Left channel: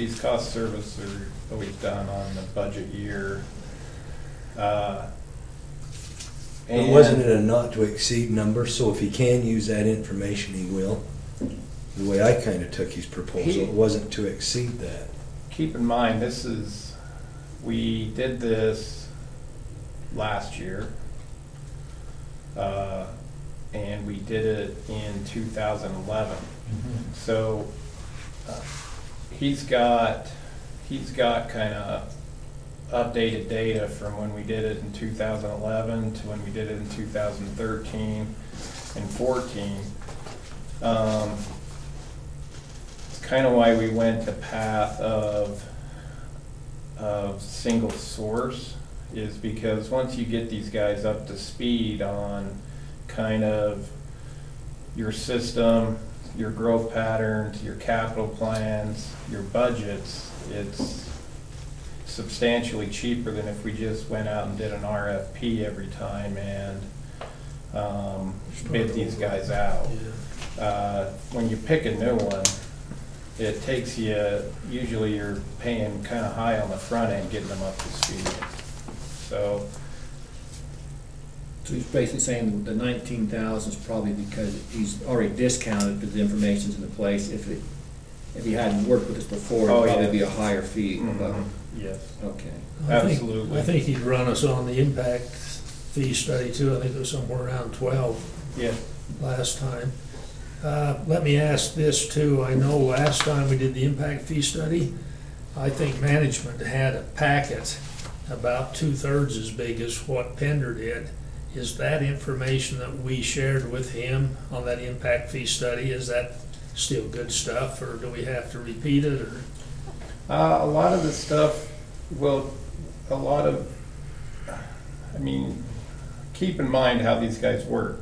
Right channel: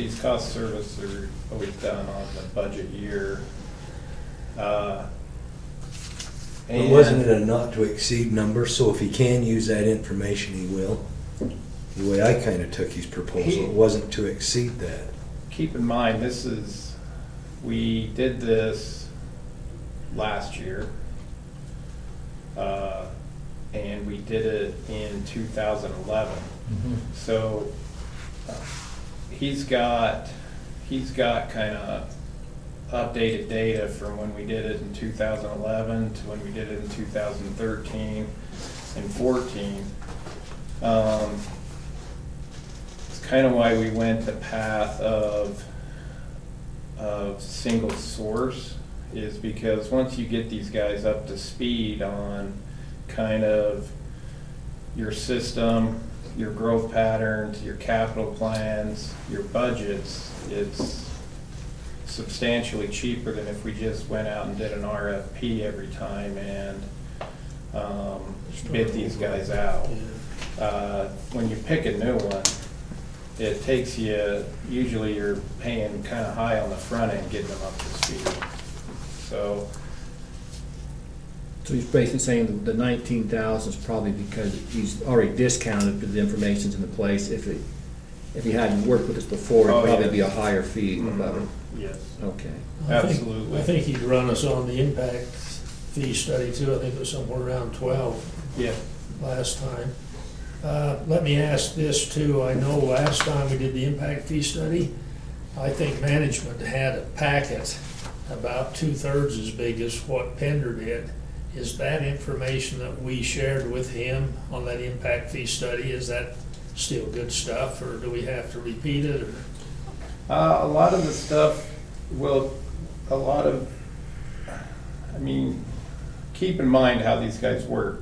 these cost service are always done on the budget year. But wasn't it a not to exceed number, so if he can use that information, he will? The way I kinda took his proposal, it wasn't to exceed that. Keep in mind, we did this last year, and we did it in 2011. So he's got kind of updated data from when we did it in 2011 to when we did it in 2013 and 14. It's kind of why we went the path of single source, is because once you get these guys up to speed on kind of your system, your growth patterns, your capital plans, your budgets, it's substantially cheaper than if we just went out and did an RFP every time and bid these guys out. When you pick a new one, it takes you, usually you're paying kind of high on the front end, getting them up to speed. So he's basically saying the 19,000 is probably because he's already discounted because the information's in place. If he hadn't worked with us before, it'd probably be a higher fee. yes, Okay. absolutely. I think he'd run us on the impact fee study too. I think it was somewhere around 12 Yeah. last time. Let me ask this too. I know last time we did the impact fee study, I think management had a packet about 2/3 as big as what Pender did. Is that information that we shared with him on that impact fee study, is that still good stuff, or do we have to repeat it, or? A lot of the stuff keep in mind how these guys work.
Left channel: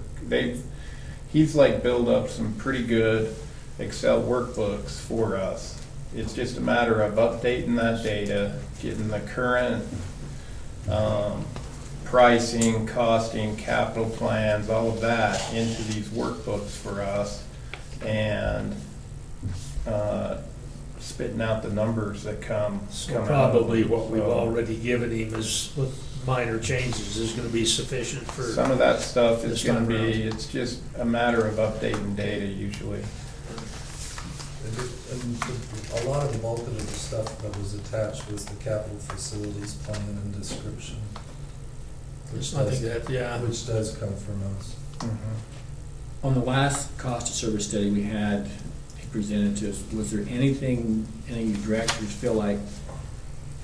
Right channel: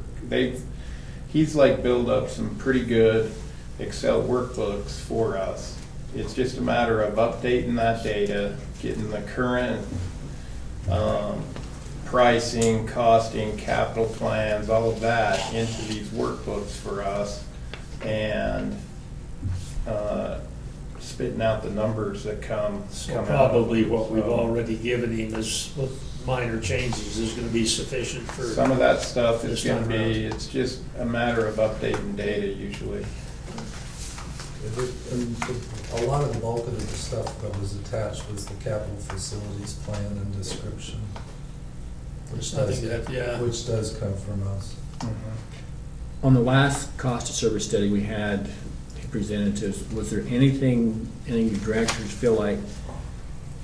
He's like built up some pretty good Excel workbooks for us. It's just a matter of updating that data, getting the current pricing, costing, capital plans, all of that into these workbooks for us, and spitting out the numbers that come out. Probably what we've already given him is with minor changes is gonna be sufficient for. Some of that stuff is this gonna time around. be, it's just a matter of updating data usually. A lot of the bulk of the stuff that was attached was the capital facilities plan and description, There's nothing that, yeah. which does come from us. On the last cost of service study we had, he presented to us, was there anything, any of your directors feel like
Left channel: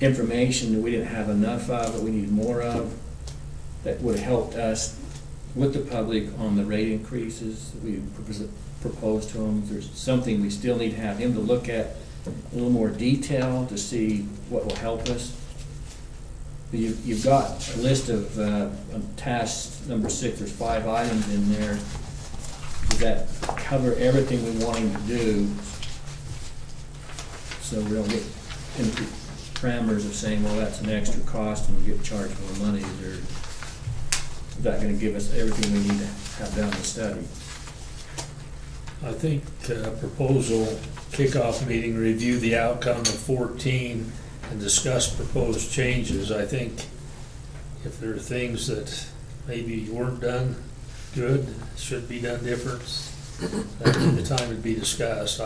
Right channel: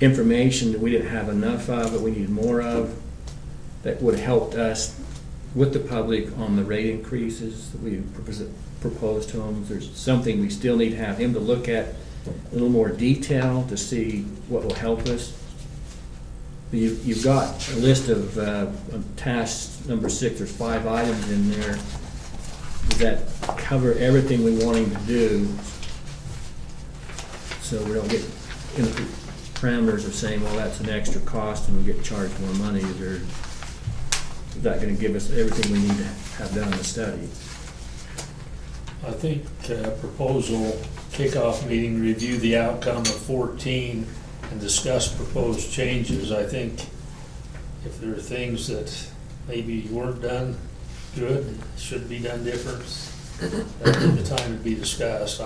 information that we didn't have enough of, that we needed more of, that would have helped us with the public on the rate increases that we proposed to them? If there's something we still need to have him to look at a little more detail to see what will help us. You've got a list of task number 6, there's 5 items in there. Does that cover everything we want him to do? So we don't get into the parameters of saying, well, that's an extra cost and we get charged more money. Is that gonna give us everything we need to have done in the study? I think proposal kickoff meeting, review the outcome of 14 and discuss proposed changes. I think if there are things that maybe weren't done good, should be done different, the time to be discussed.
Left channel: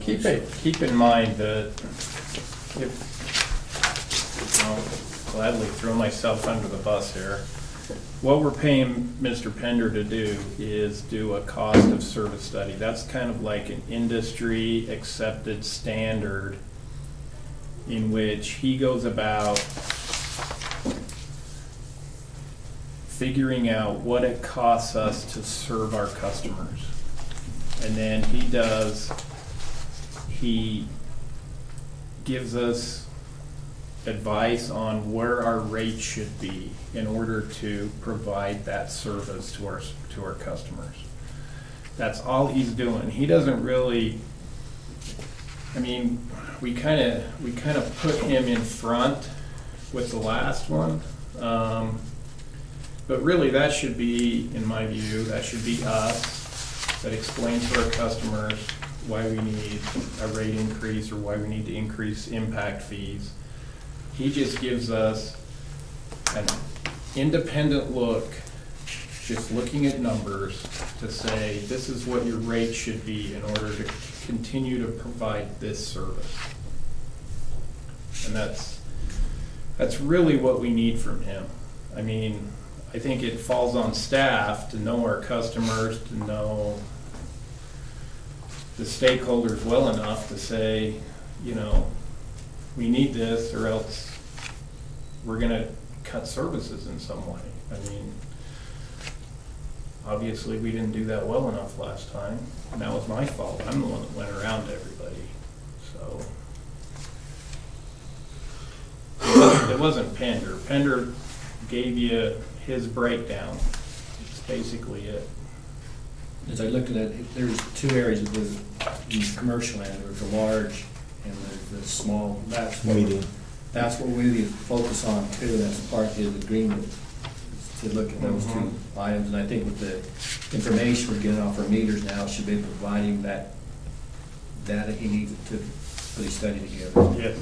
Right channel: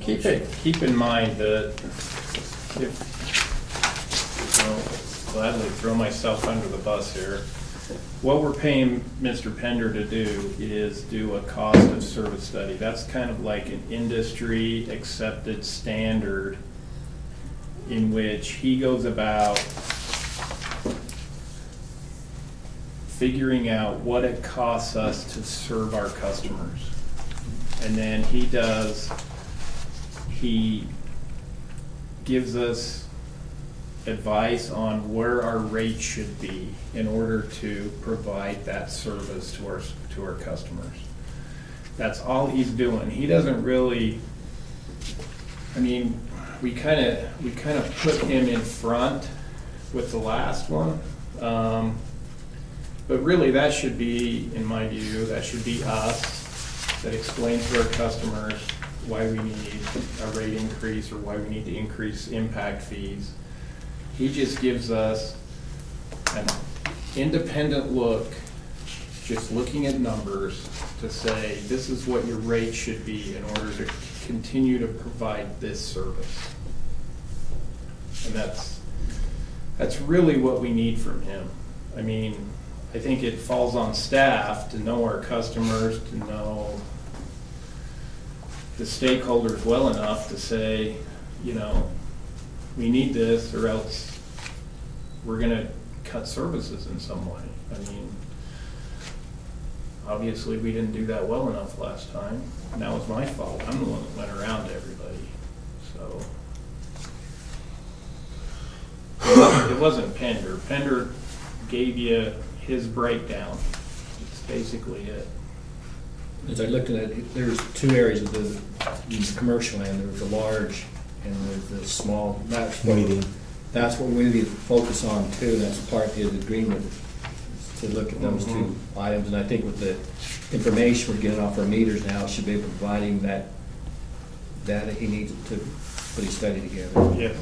Keep in mind that I'll gladly throw myself under the bus here. What we're paying Mr. Pender to do is do a cost of service study. That's kind of like an industry accepted standard in which he goes about figuring out what it costs us to serve our customers. And then he gives us advice on where our rate should be in order to provide that service to our customers. That's all he's doing. He doesn't really, we kind of put him in front with the last one. But really that should be, in my view, that should be us that explains to our customers why we need a rate increase or why we need to increase impact fees. He just gives us an independent look, just looking at numbers, to say, this is what your rate should be in order to continue to provide this service. And that's really what we need from him. I mean, I think it falls on staff to know our customers, to know the stakeholders well enough to say, you know, we need this or else we're gonna cut services in some way. I mean, obviously, we didn't do that well enough last time, and that was my fault. I'm the one that went around to everybody, so. It wasn't Pender. Pender gave you his breakdown. It's basically it. As I looked at it, there's two areas of the commercial end. There's the large and there's the small. That's what we need to focus on too. That's part of his agreement, to look at those two items. And I think with the information we're getting off our meters now, should be able to provide him that data he needs to put his study together. Yes.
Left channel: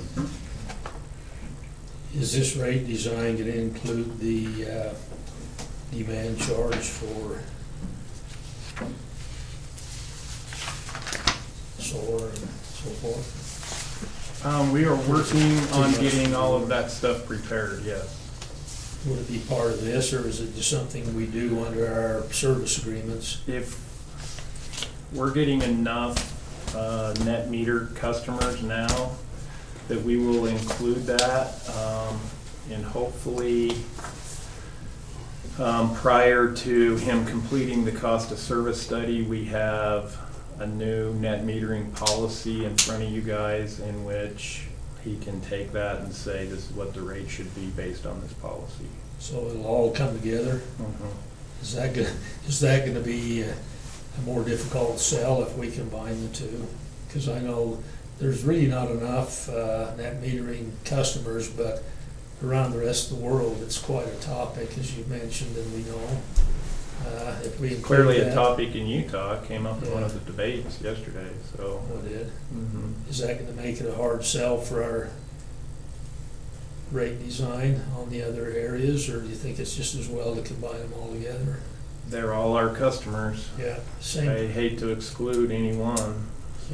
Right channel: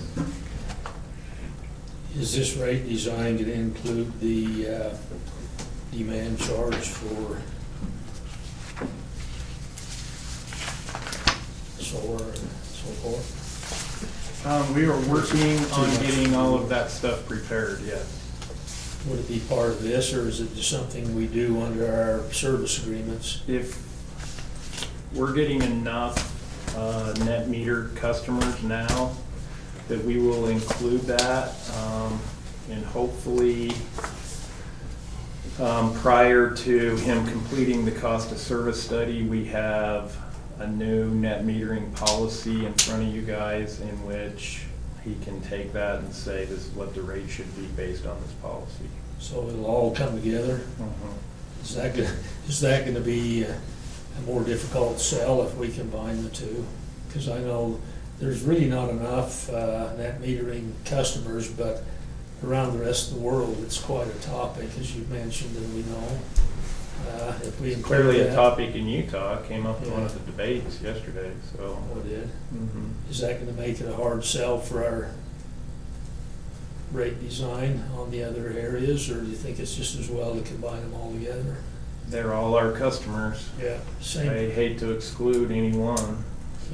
Is this rate design gonna include the demand charge for solar and so forth? We are working on getting all of that stuff prepared, yes. Would it be part of this, or is it just something we do under our service agreements? If we're getting enough net meter customers now, that we will include that, and hopefully, prior to him completing the cost of service study, we have a new net metering policy in front of you guys in which he can take that and say, this is what the rate should be based on this policy. So it'll all come together? Is that gonna be a more difficult sell if we combine the two? Because I know there's really not enough net metering customers, but around the rest of the world, it's quite a topic, as you mentioned, and we know. If we include Clearly a that- topic in Utah, came up in one of the debates yesterday, so. Oh, it did? Is that gonna make it a hard sell for our rate design on the other areas, or do you think it's just as well to combine them all together? They're all our customers. Yeah, I same. hate to exclude anyone,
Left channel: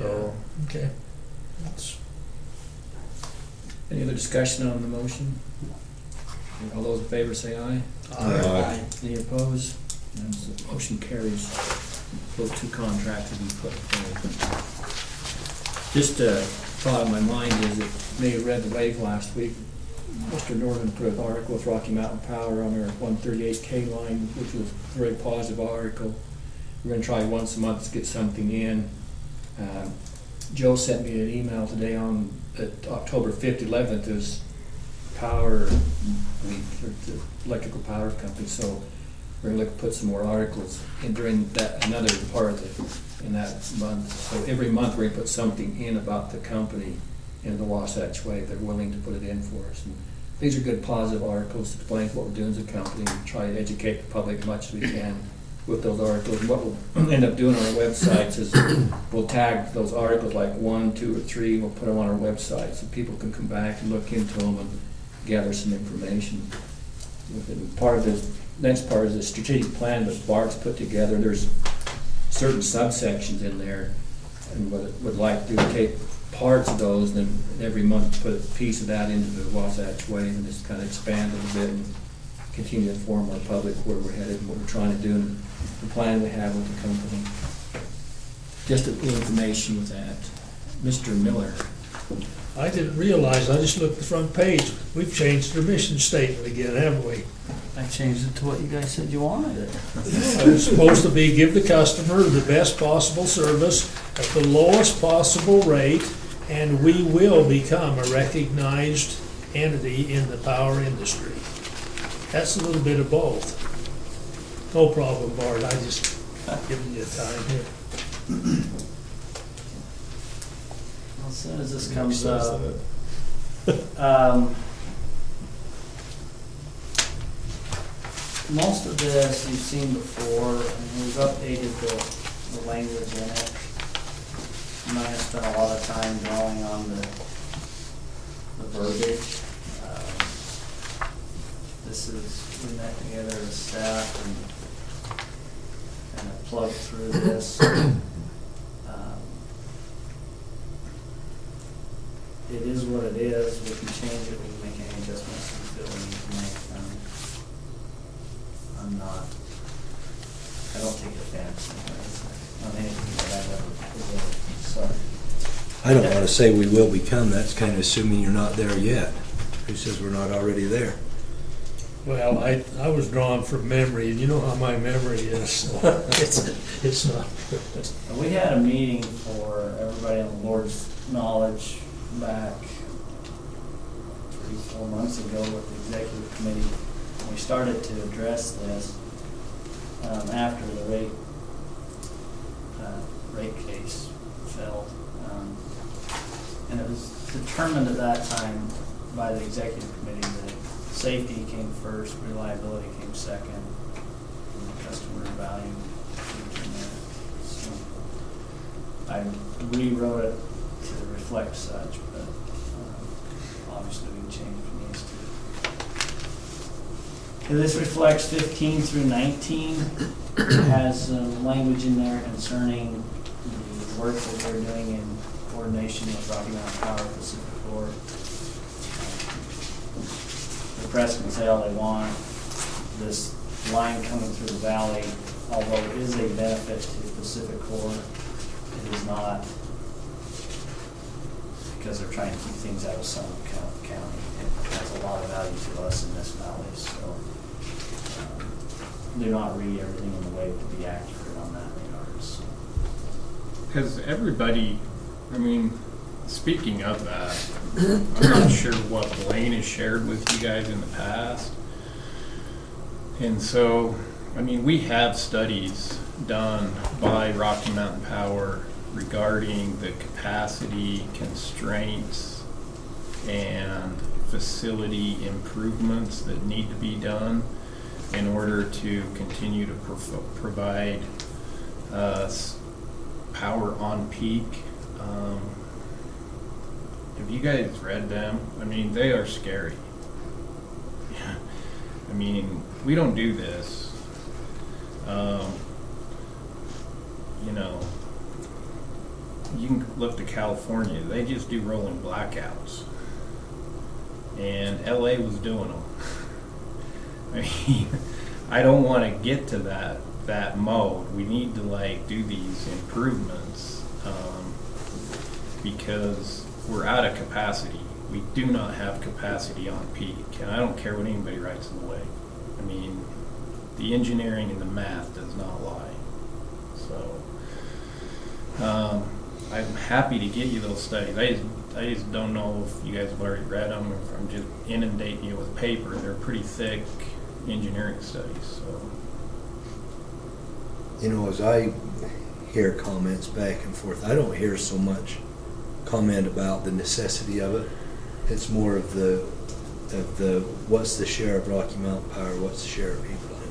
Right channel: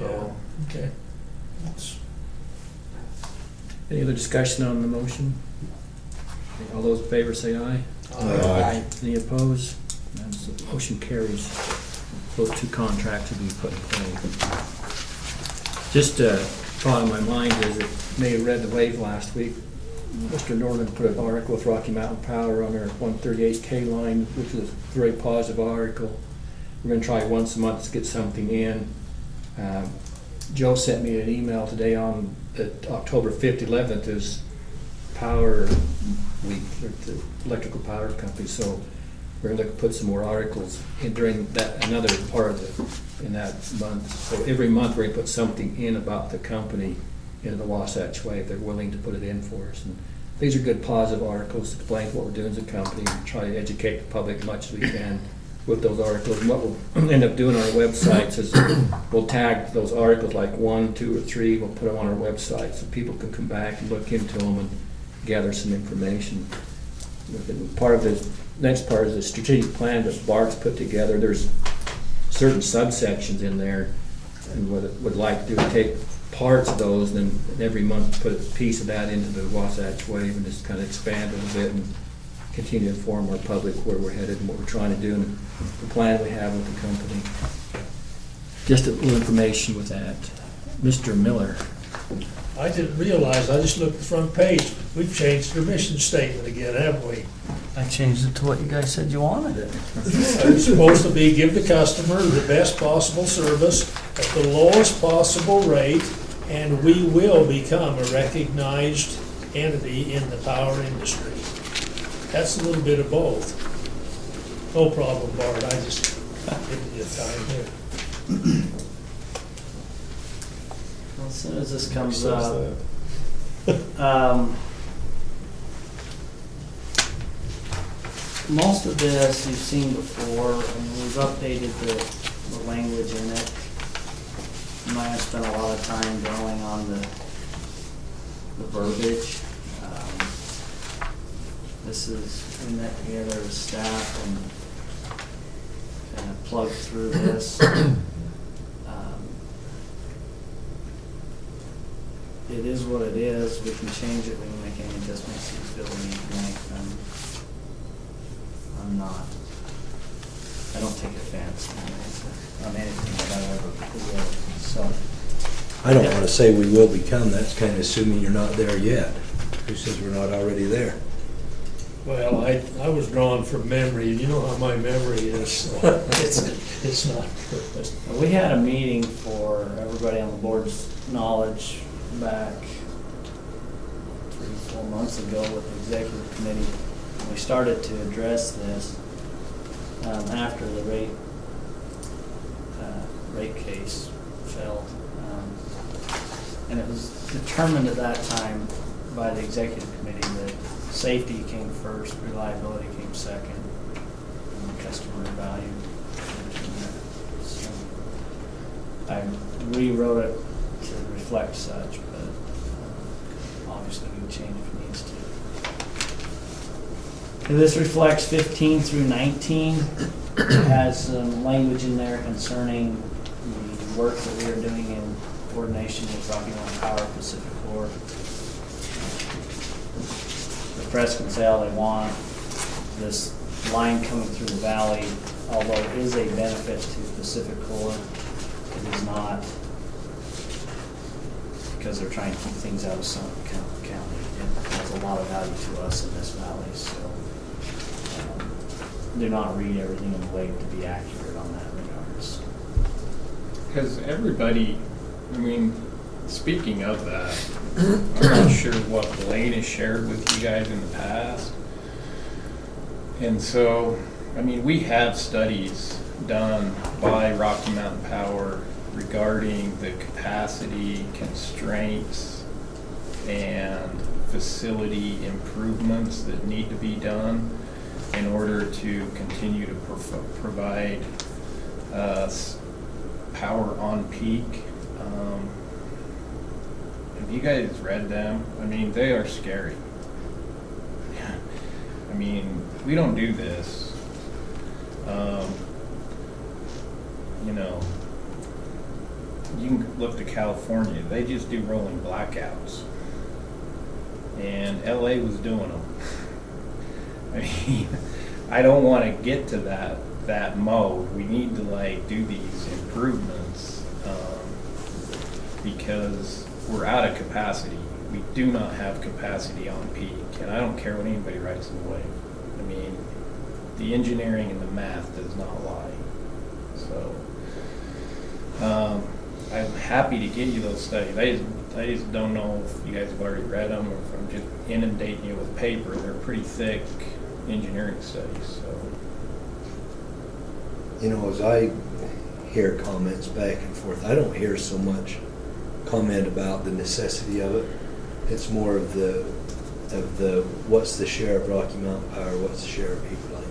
Yeah, so. okay. That's- Any other discussion on the motion? Okay, all those in favor say aye. Aye. Any opposed? None. So motion carries. Those two contracts will be put in play. Just thought on my mind is, it may have read the Lake last week. Mr. Norman put an article with Rocky Mountain Power on their 138K line, which was a very positive article. We're gonna try once a month to get something in. Joe sent me an email today on October 5th, 11th is Power Week, or the electrical power company, so we're gonna look to put some more articles in during that, another part of in that month. So every month we're gonna put something in about the company in the Wasatch Way, if they're willing to put it in for us. And these are good positive articles to explain what we're doing as a company, and try to educate the public as much as we can with those articles. And what we'll end up doing on our websites is we'll tag those articles like 1, 2, or 3, we'll put them on our website so people can come back and look into them and gather some information. Part of this, next part is the strategic plan that Bart's put together. There's certain subsections in there, and what it would like to do is take parts of those and then every month put a piece of that into the Wasatch Way and just kind of expand a little bit and continue to inform our public where we're headed and what we're trying to do and the plan we have with the company. Just a little information with that. Mr. Miller. I didn't realize, I just looked at the front page, we've changed the mission statement again, haven't we? I changed it to what you guys said you wanted. It's supposed to be give the customer the best possible service at the lowest possible rate, and we will become a recognized entity in the power industry. That's a little bit of both. No problem, Bart, I just giving you time here. As soon as this comes up, most of this you've seen before, and we've updated the language in it. and I have spent a lot of time drawing on the verbiage. This is, putting that together as staff and plug through this. It is what it is. We can change it. We can make any adjustments we feel we need to make. I'm not, I don't take offense on anything that I ever do. So, I don't want to say we will become, that's kind of assuming you're not there yet. Who says we're not already there? Well, I was drawn from memory, and you know how my memory is, so it's not good. we had a meeting for everybody on the board's knowledge back 3-4 months ago with the executive committee. We started to address this after the rate case failed. And it was determined at that time by the executive committee that safety came first, reliability came second, and the customer value came next. So I rewrote it to reflect such, but obviously we can change if it needs to. And this reflects 15 through 19. It has some language in there concerning the work that we are doing in coordination with Rocky Mountain Power Pacific Corp. The press can tell they want this line coming through the valley, although it is a benefit to Pacific Corp, it is not because they're trying to keep things out of Sullivan County. It has a lot of value to us in this valley, so do not read everything in a way to be accurate on that regards. Has everybody, I mean, speaking of that, I'm not sure what Lane has shared with you guys in the past. And so, I mean, we have studies done by Rocky Mountain Power regarding the capacity constraints and facility improvements that need to be done in order to continue to provide power on peak. Have you guys read them? I mean, they are scary. I mean, we don't do this. You know, you can look to California. They just do rolling blackouts. And LA was doing them. I mean, I don't want to get to that mode. We need to like do these improvements because we're out of capacity. We do not have capacity on peak, and I don't care what anybody writes in the way. I mean, the engineering and the math does not lie. So I'm happy to get you those studies. I just don't know if you guys have already read them or if I'm just inundating you with paper. They're pretty thick engineering studies. So. You know, as I hear comments back and forth, I don't hear so much comment about the necessity of it. It's more of the what's the share of Rocky Mountain Power, what's the share of Heber Power.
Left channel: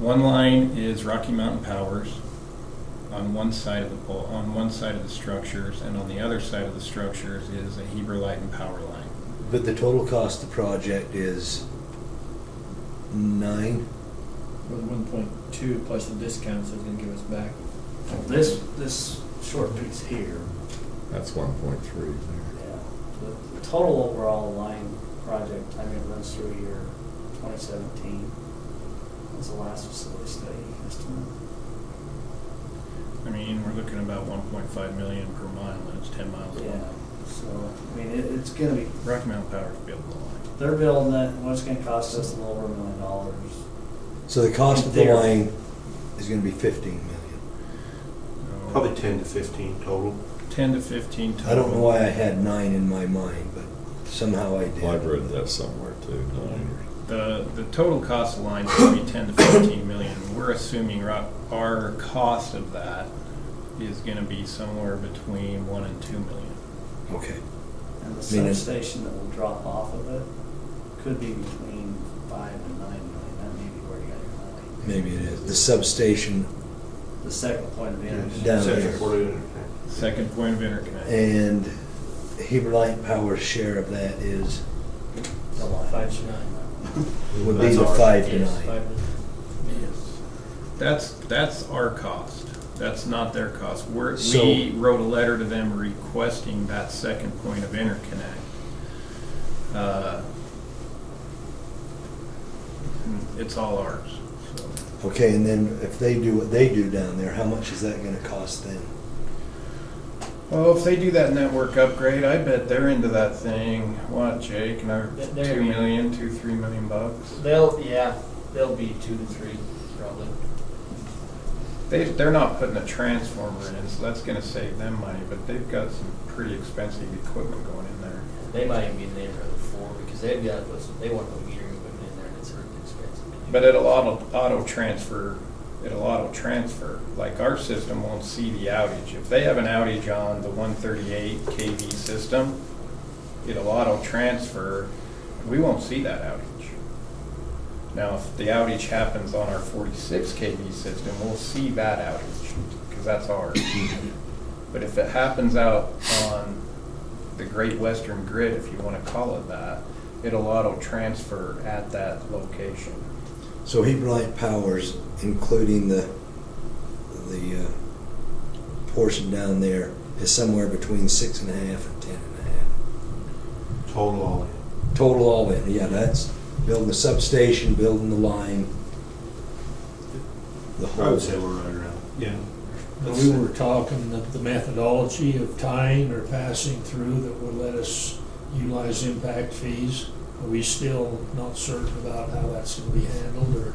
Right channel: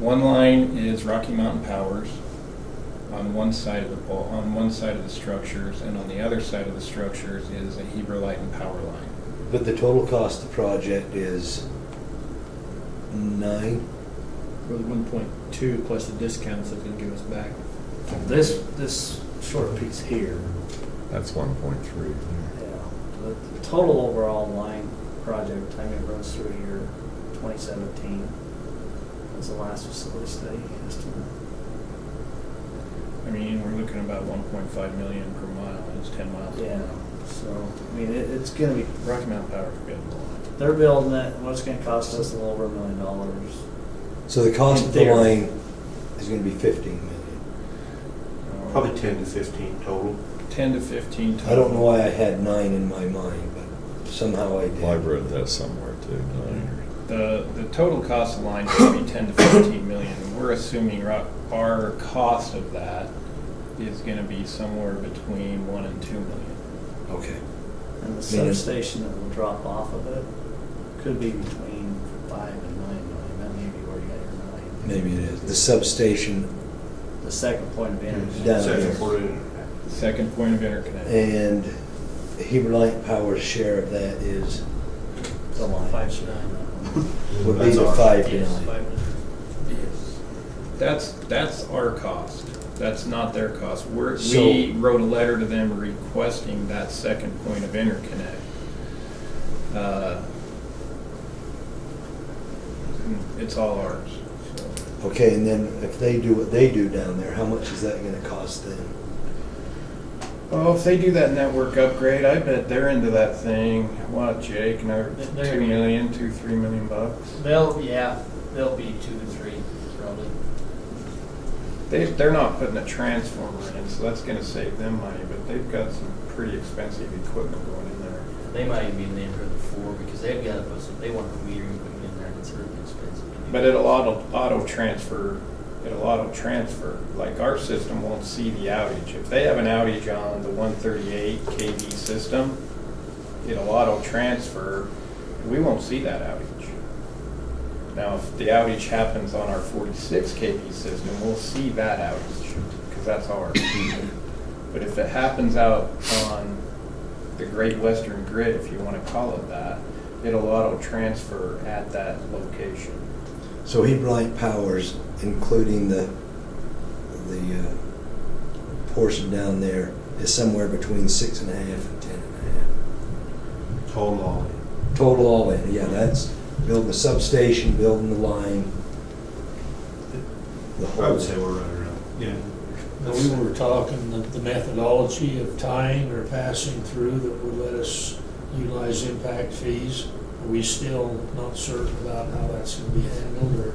One line is Rocky Mountain Power's on one side of the structures, and on the other side of the structures is a Heber Light and Power line. But the total cost of the project is 9. It was 1.2 plus the discounts it's gonna give us back. This short piece here, That's 1.3. the total overall line project, I mean, it runs through year 2017. That's the last facility study estimate. I mean, we're looking at about 1.5 million per mile, and it's 10 miles. Yeah, so, I mean, it's gonna be, Rocky Mountain Power's building a lot. they're building it, what's gonna cost us a little over $1 million. So the cost In of the theory. line is going to be 15 million. Probably 10 to 15 total. 10 to 15 total. I don't know why I had 9 in my mind, but somehow I did. Well, I've read that somewhere too. The total cost of the line is going to be 10 to 15 million. We're assuming our cost of that is going to be somewhere between 1 and 2 million. Okay. And the substation that will drop off of it could be between 5 and 9 million, that may be where you got your money. Maybe it is. The substation The second point of interest. Down Second here. point of interconnect. Second point of interconnect. And Heber Light Power's share of that is, The line. 509. would be That's the ours. 5 That's our cost. That's not their cost. We So- wrote a letter to them requesting that second point of interconnect. It's all ours. So. Okay, and then if they do what they do down there, how much is that gonna cost them? Oh, if they do that network upgrade, I bet they're into that thing. What, Jake? Another They're- 2 million, 3 million bucks. They'll be 2 to 3 probably. They're not putting a transformer in, so that's gonna save them money, but they've got some pretty expensive equipment going in there. They might even be in the neighborhood of 4 because they've got to put some, they want the metering equipment in there and it's really expensive. But it'll auto transfer, like our system won't see the outage. If they have an outage on the 138 kV system, it'll auto transfer, we won't see that outage. Now, if the outage happens on our 46 kV system, we'll see that outage, because that's ours. But if it happens out on the Great Western Grid, if you want to call it that, it'll auto transfer at that location. So Heber Light Power's, including the portion down there, is somewhere between 6.5 and 10.5. Total all in. Total all in, yeah, that's building the substation, building the line, the I whole. would say we're right around, yeah. Now, we were talking the methodology of tying or passing through that would let us utilize impact fees. Are we still not certain about how that's gonna be handled,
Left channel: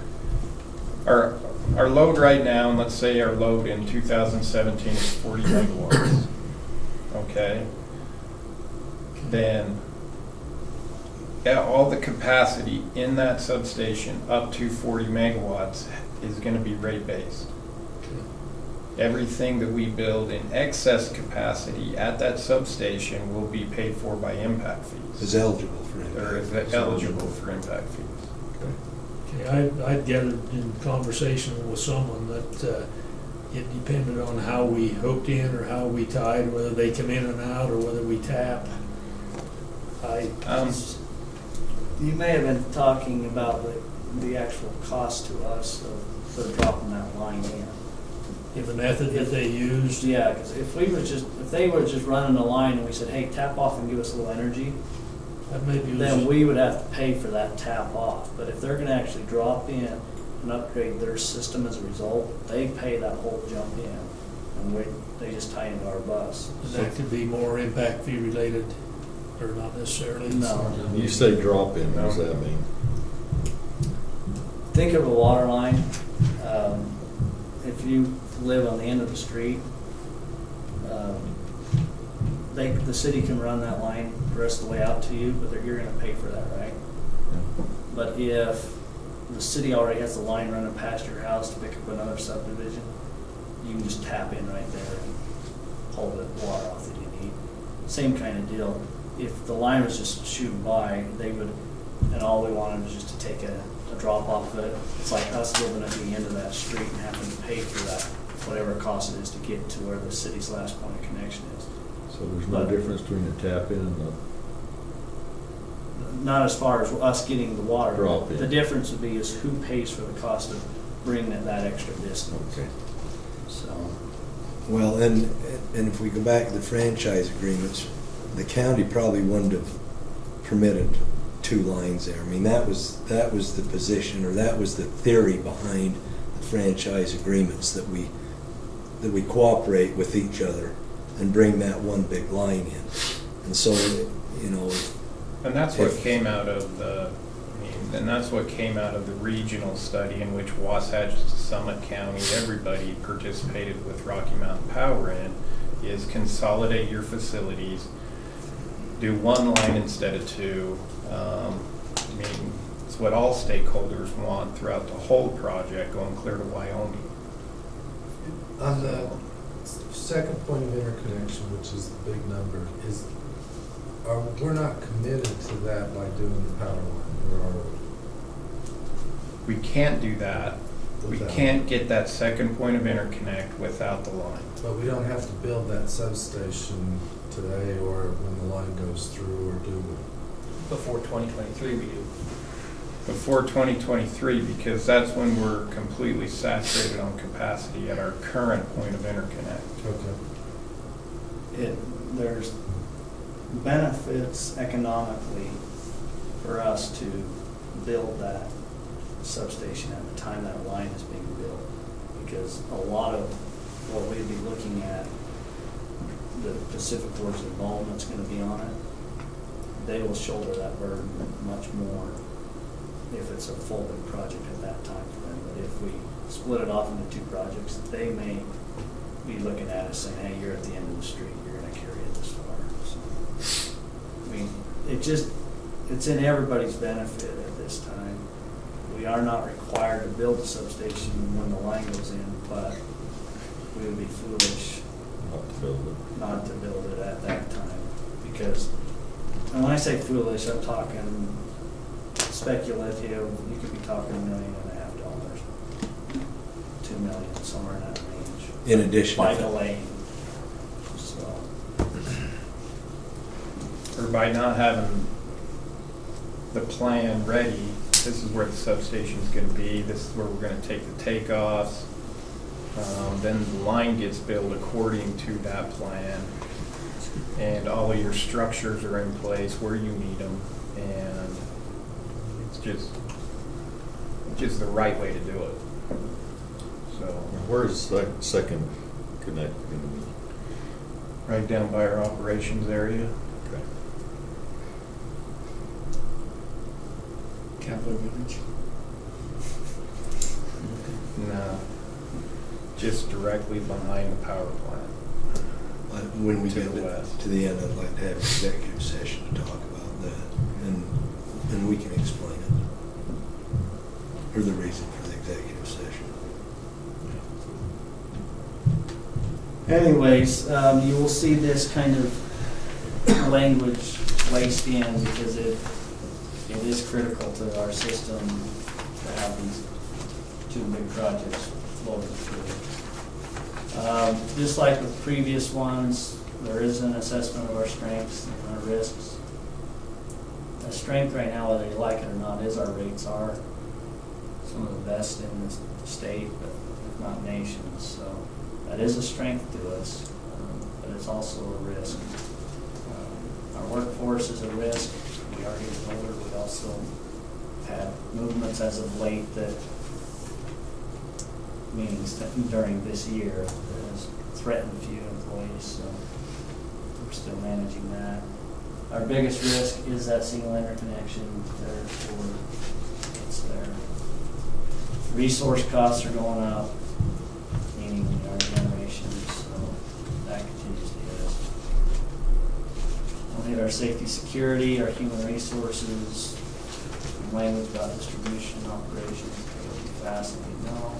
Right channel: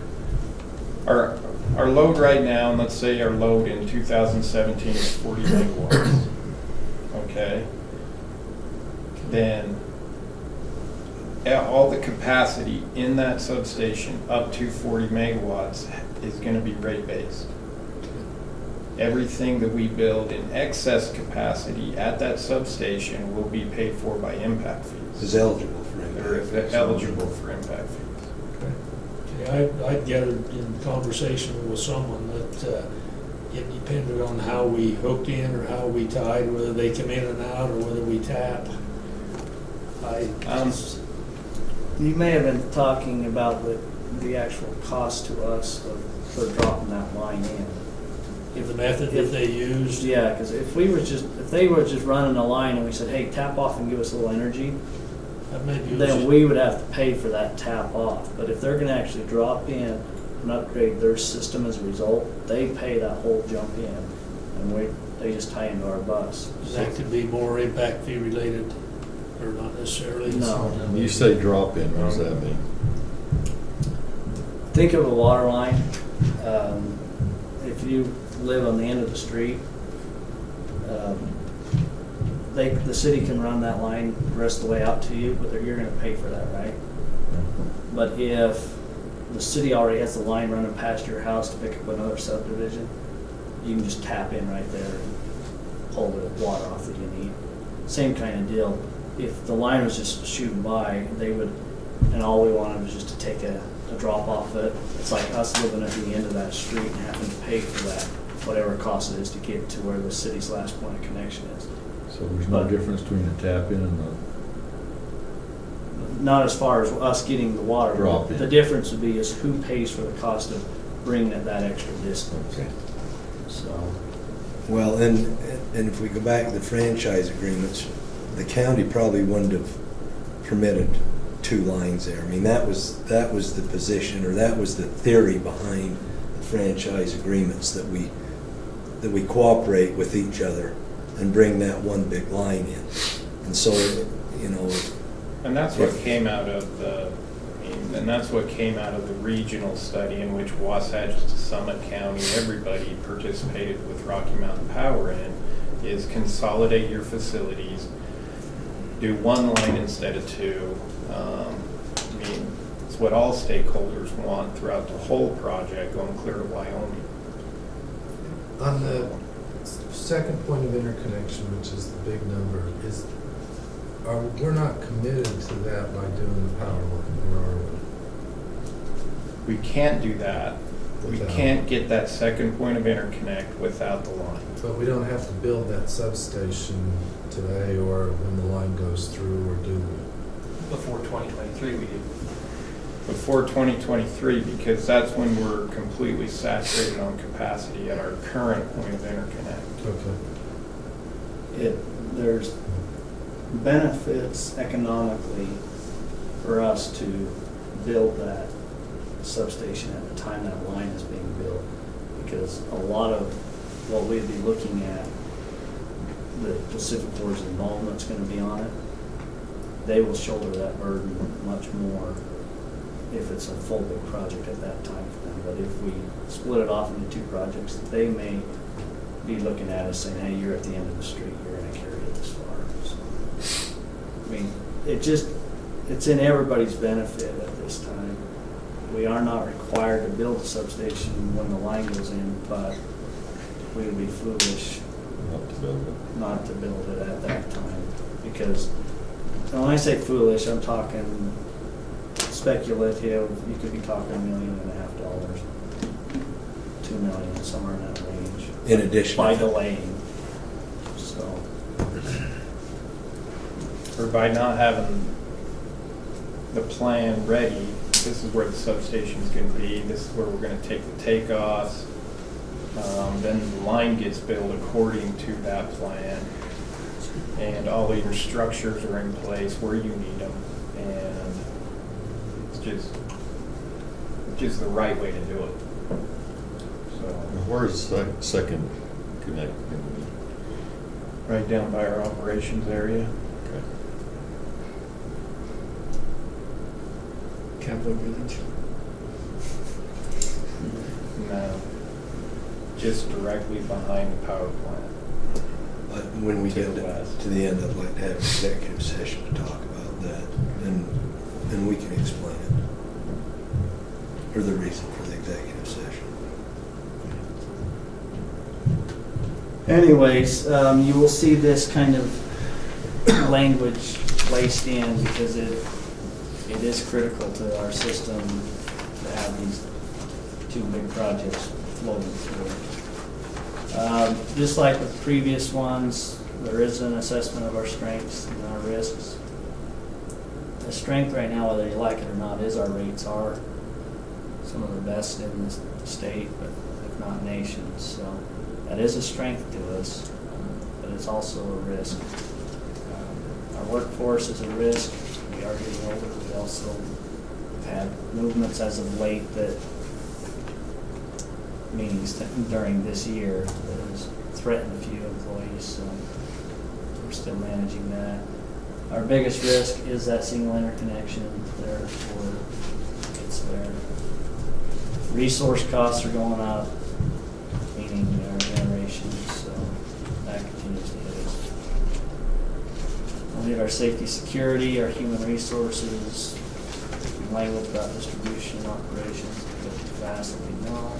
or? Our load right now, and let's say our load in 2017 is 40 megawatts, okay? Then all the capacity in that substation up to 40 megawatts is gonna be rate-based. Everything that we build in excess capacity at that substation will be paid for by impact fees. Is eligible for Or impact. is eligible for impact fees. Okay, I'd gathered in conversation with someone that it depended on how we hooked in or how we tied, whether they come in and out or whether we tap. You may have been talking about the actual cost to us for dropping that line in. If the method that they used. Yeah, because if they were just running a line and we said, hey, tap off and give us a little energy, That maybe was. then we would have to pay for that tap off. But if they're gonna actually drop in and upgrade their system as a result, they pay that whole jump in. And they just tie into our bus. That could be more impact fee related, or not necessarily. No. You say drop in, what does that mean? Think of a water line. If you live on the end of the street, the city can run that line the rest of the way out to you, but you're gonna pay for that, right? But if the city already has a line running past your house to pick up another subdivision, you can just tap in right there and pull the water off that you need. Same kind of deal. If the line was just shooting by, they would, and all we wanted was just to take a drop off it. It's like us living at the end of that street and having to pay for that, whatever cost it is to get to where the city's last point of connection is. So there's no difference between the tap in and the, Not as far as us getting the water. Drop in. The difference would be is who pays for the cost of bringing it that extra distance. Okay. So, Well, and if we go back to the franchise agreements, the county probably wouldn't have permitted 2 lines there. I mean, that was the position, or that was the theory behind the franchise agreements, that we cooperate with each other and bring that one big line in. And so, And that's what came out of the regional study in which Wasatch, Summit County, everybody participated with Rocky Mountain Power in, is consolidate your facilities, do 1 line instead of 2. It's what all stakeholders want throughout the whole project, going clear to Wyoming. On the second point of interconnection, which is the big number, we're not committed to that by doing the power line, or are we? We can't do that We without- can't get that second point of interconnect without the line. But we don't have to build that substation today or when the line goes through, or do we? Before 2023 we do. Before 2023, because that's when we're completely saturated on capacity at our current point of interconnect. Okay. There's benefits economically for us to build that substation at the time that line is being built. Because a lot of what we'd be looking at, the Pacific Board's involvement's gonna be on it. They will shoulder that burden much more if it's a full big project at that time frame. But if we split it off into two projects, they may be looking at us saying, hey, you're at the end of the street, you're gonna carry it this far. So, I mean, it's in everybody's benefit at this time. We are not required to build a substation when the line goes in, but we would be foolish Not to build it. not to build it at that time. Because, and when I say foolish, I'm talking speculative. You could be talking $1.5 million, $2 million, somewhere in that range. In addition By to delaying, so. Or by not having the plan ready, this is where the substation's gonna be, this is where we're gonna take the takeoffs. Then the line gets built according to that plan. And all of your structures are in place where you need them. And it's just the right way to do it. So, Where's the second connect gonna be? right down by our operations area. Okay. Capital Village. No, just directly behind the power plant. when we To get the west. to the end, I'd like to have an executive session to talk about that, and we can explain it, or the reason for the executive session. Anyways, you will see this kind of language placed in because it is critical to our system to have these two big projects floating through. Just like with previous ones, there is an assessment of our strengths and our risks. The strength right now, whether you like it or not, is our rates are some of the best in the state, but if not nation. So that is a strength to us, but it's also a risk. Our workforce is a risk. We are getting older. We also have movements as of late that, meetings during this year, that has threatened a few employees, so we're still managing that. Our biggest risk is that single interconnection, therefore it's there. Resource costs are going up, meaning our generation, so that continues to hit us. We'll need our safety, security, our human resources, language about distribution, operations, capacity, well.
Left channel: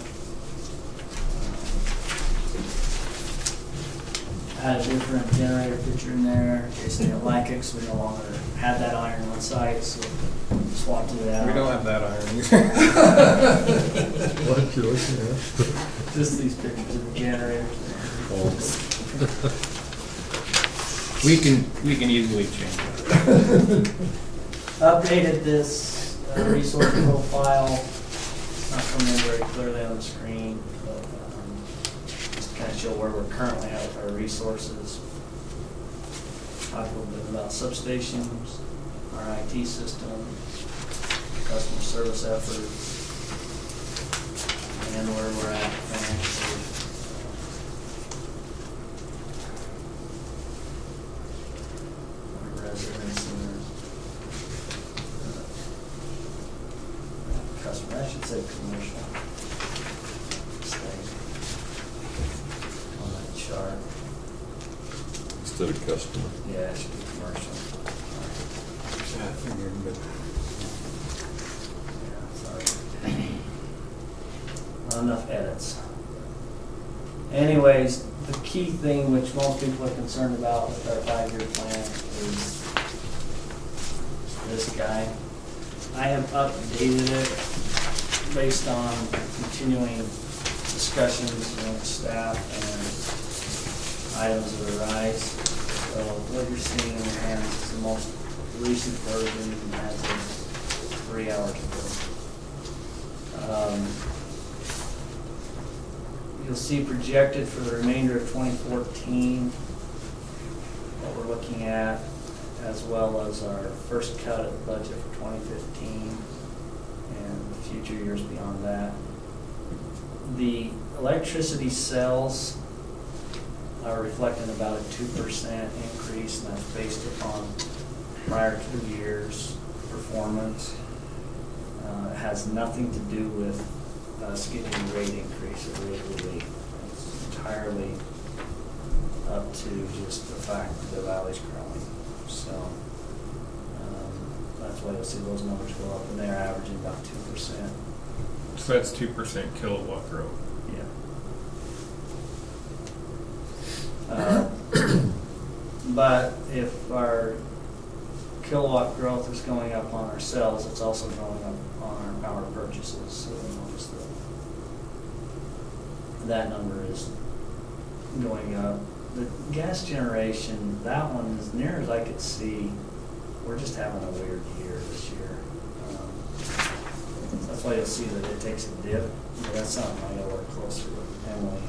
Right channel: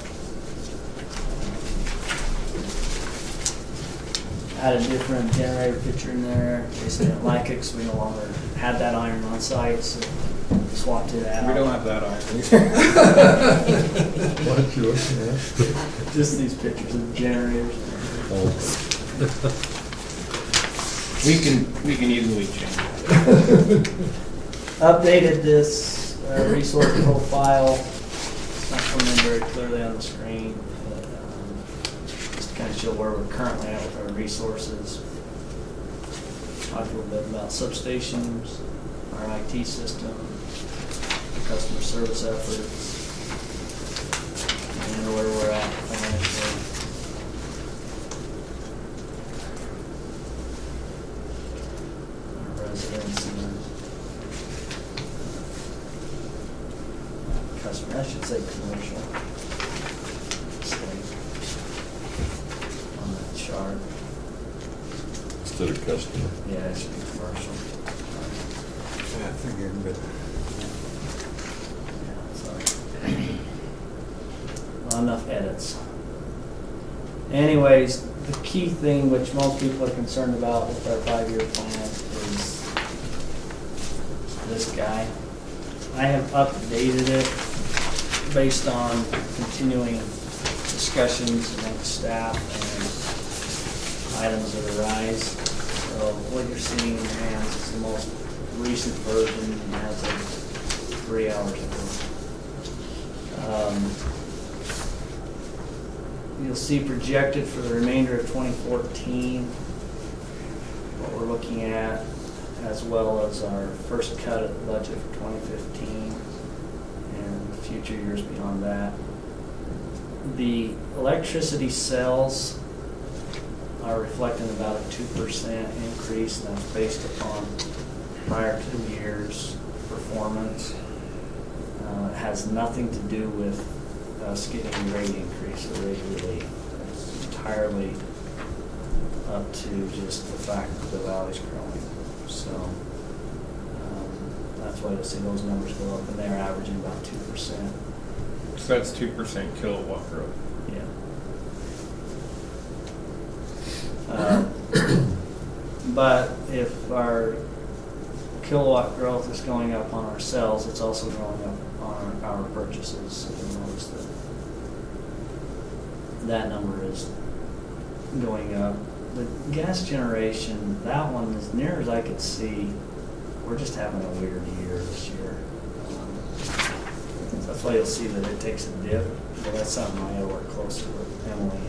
Add a different generator picture in there, in case they didn't like it, because we no longer have that iron on site, so swap to that. We don't have that iron. What did you listen to? Just these pictures of generators. Oh, We can easily change that. Updated this resource profile. It's not coming in very clearly on the screen, but just to kind of show where we're currently at with our resources. Talk a little bit about substations, our IT systems, customer service efforts, and where we're at financially. Our residents and our customer, I should say commercial. On that chart. instead of customer. Yeah, it should be commercial. Yeah, I figured, but Yeah, sorry. Not enough edits. Anyways, the key thing which most people are concerned about with our 5-year plan is this guy. I have updated it based on continuing discussions among staff and items that arise. So what you're seeing in your hands is the most recent version as of 3 hours ago. You'll see projected for the remainder of 2014, what we're looking at, as well as our first cut of the budget for 2015 and future years beyond that. The electricity sales are reflecting about a 2% increase, and that's based upon prior 2 years' performance. It has nothing to do with us getting a rate increase or rate relief. It's entirely up to just the fact that the valley's growing. So that's why you'll see those numbers go up, and they're averaging about 2%. So that's 2% kilowatt growth. Yeah. But if our kilowatt growth is going up on our sales, it's also going up on our purchases. So you notice that number is going up. The gas generation, that one, as near as I could see, we're just having a weird year this year. That's why you'll see that it takes a dip, but that's something I gotta work closer with Emily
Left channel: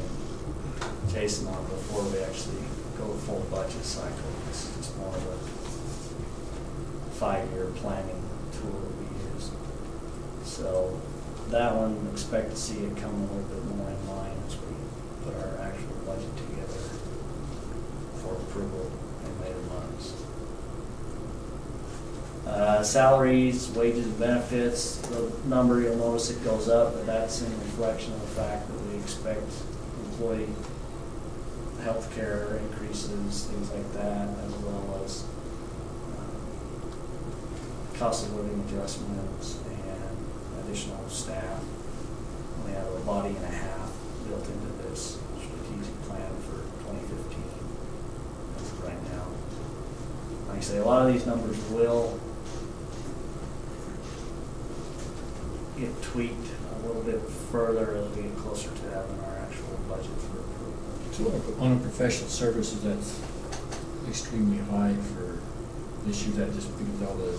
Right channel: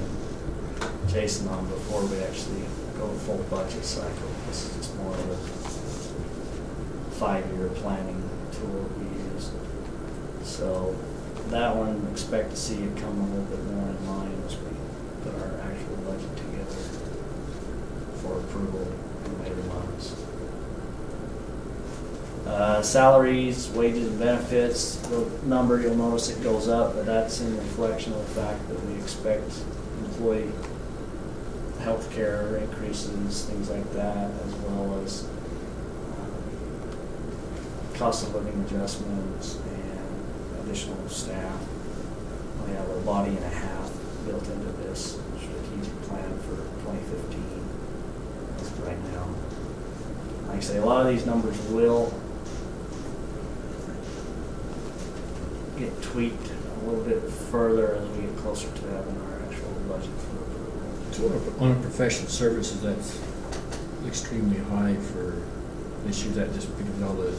and Jason on before we actually go full budget cycle. This is just more of a 5-year planning tool that we use. So that one, expect to see it come a little bit more in line as we put our actual budget together for approval in later months. Salaries, wages, and benefits, the number, you'll notice it goes up, but that's in reflection of the fact that we expect employee health care increases, things like that, as well as cost of living adjustments and additional staff. We have a body and a half built into this strategic plan for 2015 as of right now. Like I say, a lot of these numbers will get tweaked a little bit further as we get closer to having our actual budget for approval. So on professional services, that's extremely high for this year. Is that just because of all the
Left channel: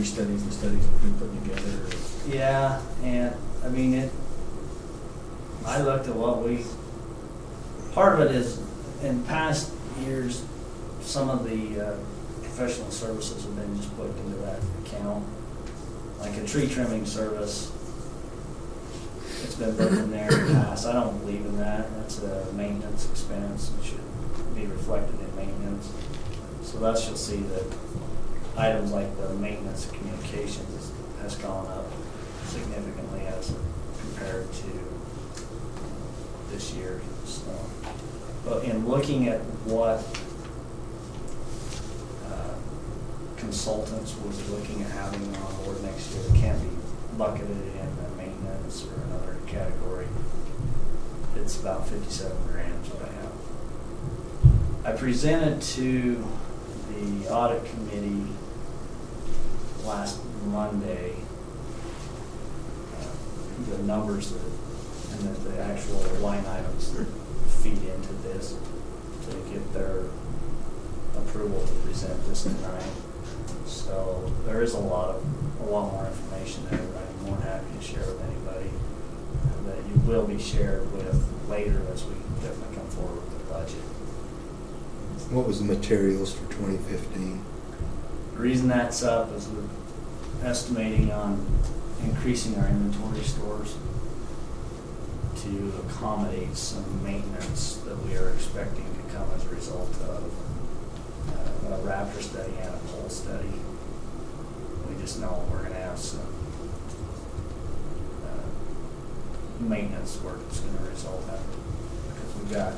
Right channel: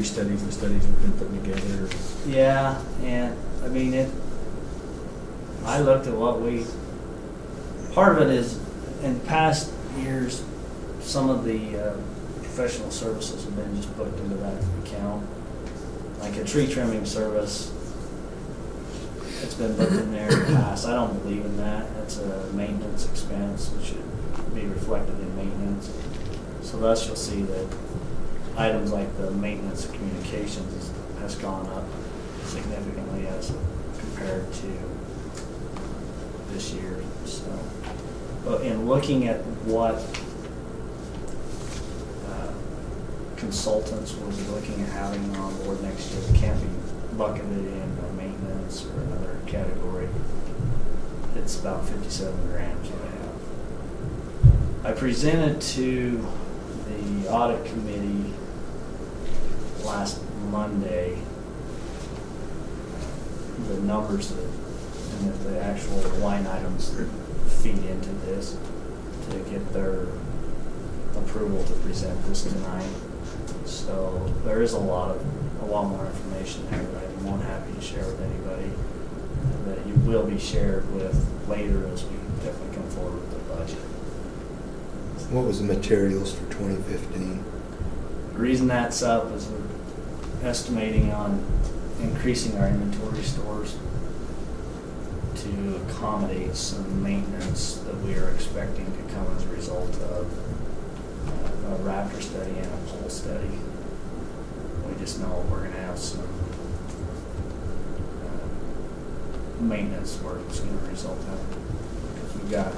restudies and studies we've been putting together? Yeah, and I mean I looked at part of it is in past years, some of the professional services have been just put into that account. Like a tree trimming service, it's been put in there in the past. I don't believe in that. That's a maintenance expense. It should be reflected in maintenance. So thus you'll see that items like the maintenance of communications has gone up significantly as compared to this year. So, but in looking at what consultants will be looking at having on board next year, it can't be bucketed in maintenance or another category. It's about 57 grand is what I have. I presented to the audit committee last Monday the numbers and the actual line items that feed into this to get their approval to present this tonight. So there is a lot more information there that I'm more than happy to share with anybody, and that you will be shared with later as we definitely come forward with the budget. What was the materials for 2015? The reason that's up is we're estimating on increasing our inventory stores to accommodate some maintenance that we are expecting to come as a result of a Raptor study and a pole study. We just know we're going to have some maintenance work that's going to result out of it. Because we've got,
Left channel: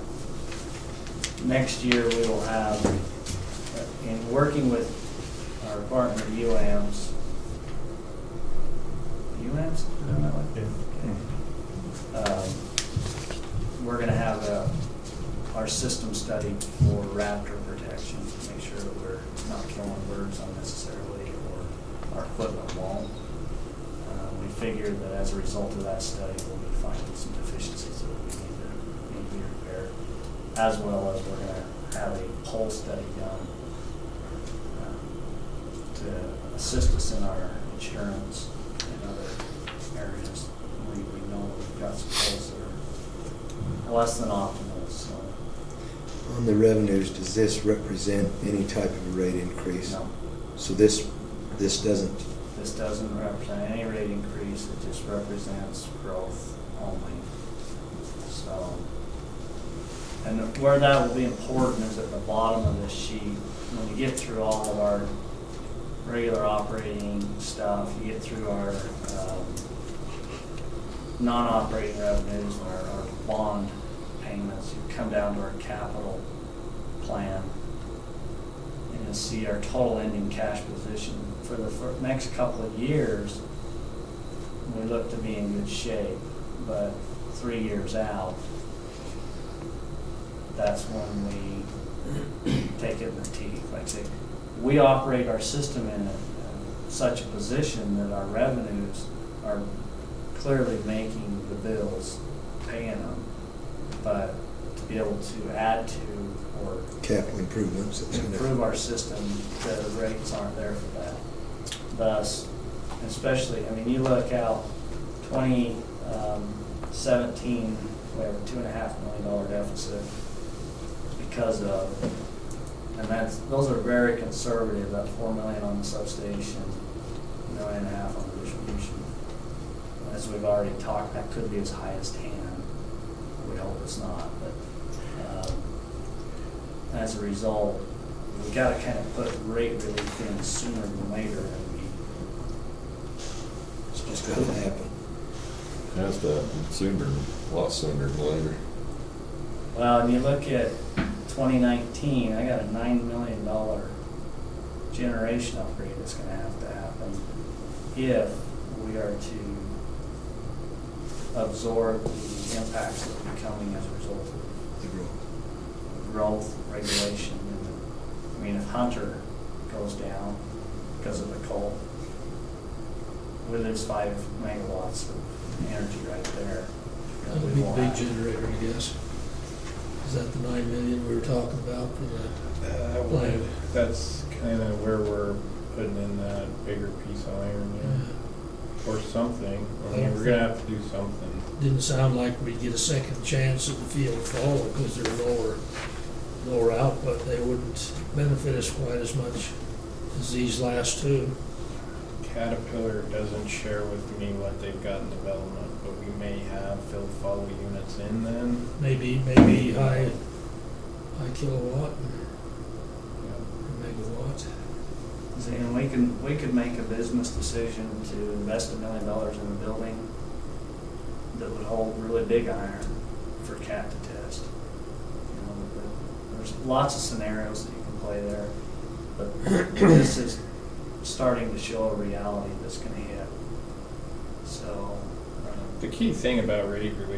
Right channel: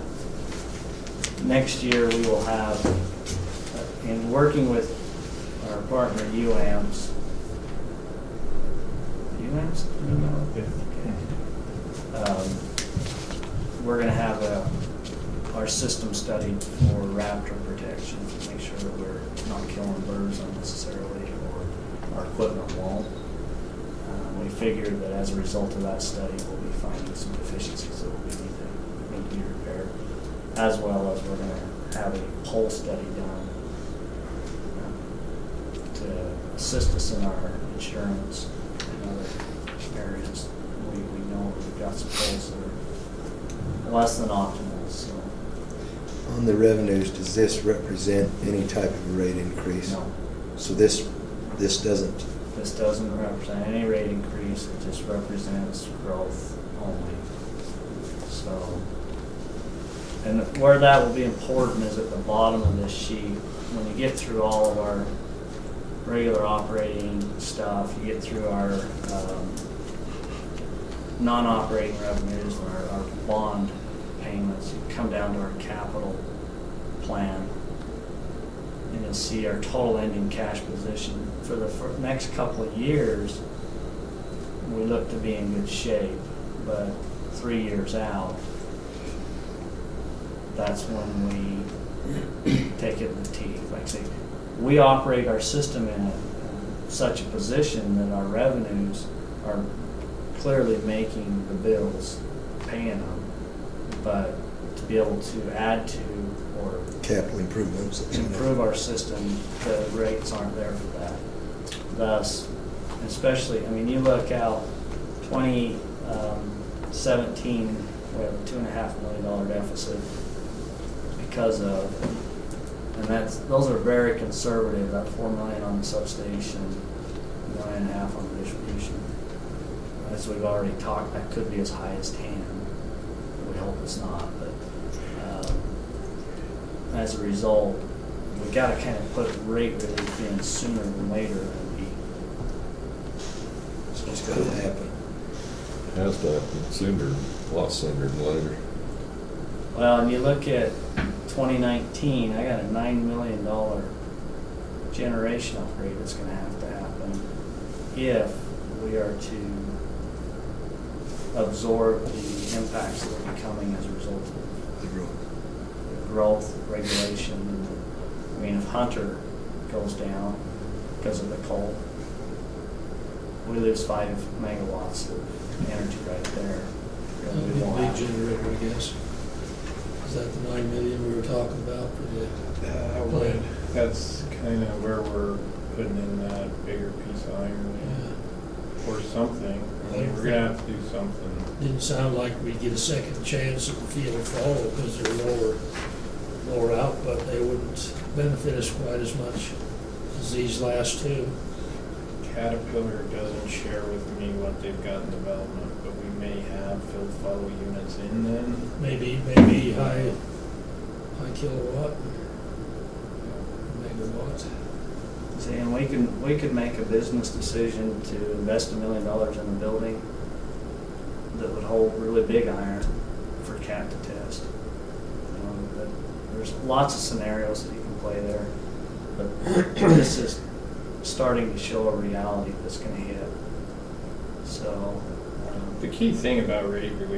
next year we will have, in working with our partner UAMs, we're going to have our system studied for raptor protection to make sure that we're not killing birds unnecessarily or our equipment won't. We figured that as a result of that study, we'll be finding some deficiencies that need to be repaired, as well as we're gonna have a poll study done to assist us in our insurance and other areas. We know we've got some polls that are less than optimal, so. On the revenues, does this represent any type of a rate increase? No, So this doesn't, this doesn't represent any rate increase, it just represents growth only. So, and where that will be important is at the bottom of this sheet. When you get through all of our regular operating stuff, you get through our non-operating revenues and our bond payments, you come down to our capital plan. You can see our total ending cash position. For the next couple of years, we look to be in good shape, but 3 years out, that's when we take it in the teeth. Like I say, we operate our system in such a position that our revenues are clearly making the bills, paying them, but to be able to add to or capital improvements. That's gonna- improve our system, the rates aren't there for that. Thus, especially, I mean, you look out 2017, we have a $2.5 million deficit because of, and those are very conservative, that $4 million on the substation, $1.5 million on the distribution. As we've already talked, that could be as high as 10. We hope it's not, but as a result, we've got to kind of put rate relief in sooner than later than It's just gotta happen. Has to happen sooner, a lot sooner than later. well, and you look at 2019, I got a $9 million generation upgrade that's going to have to happen if we are to absorb the impacts that will be coming as a result of The growth. growth, regulation. I mean, if Hunter goes down because of the coal, we lose 5 megawatts of energy right there. That would be a big generator, I guess. Is that the 9 million we were talking about for the? That's kind of where we're putting in that bigger piece of iron, or something. I mean, we're gonna have to do something. Didn't sound like we'd get a second chance at the field follow because they're lower output. They wouldn't benefit us quite as much as these last two. Caterpillar doesn't share with me what they've got in development, but we may have fill follow units in then. Maybe high kilowatt, megawatt. See, and we could make a business decision to invest $1 million in a building that would hold really big iron for CAT to test. But there's lots of scenarios that you can play there, but this is starting to show a reality that's going to hit. So The key thing about rate relief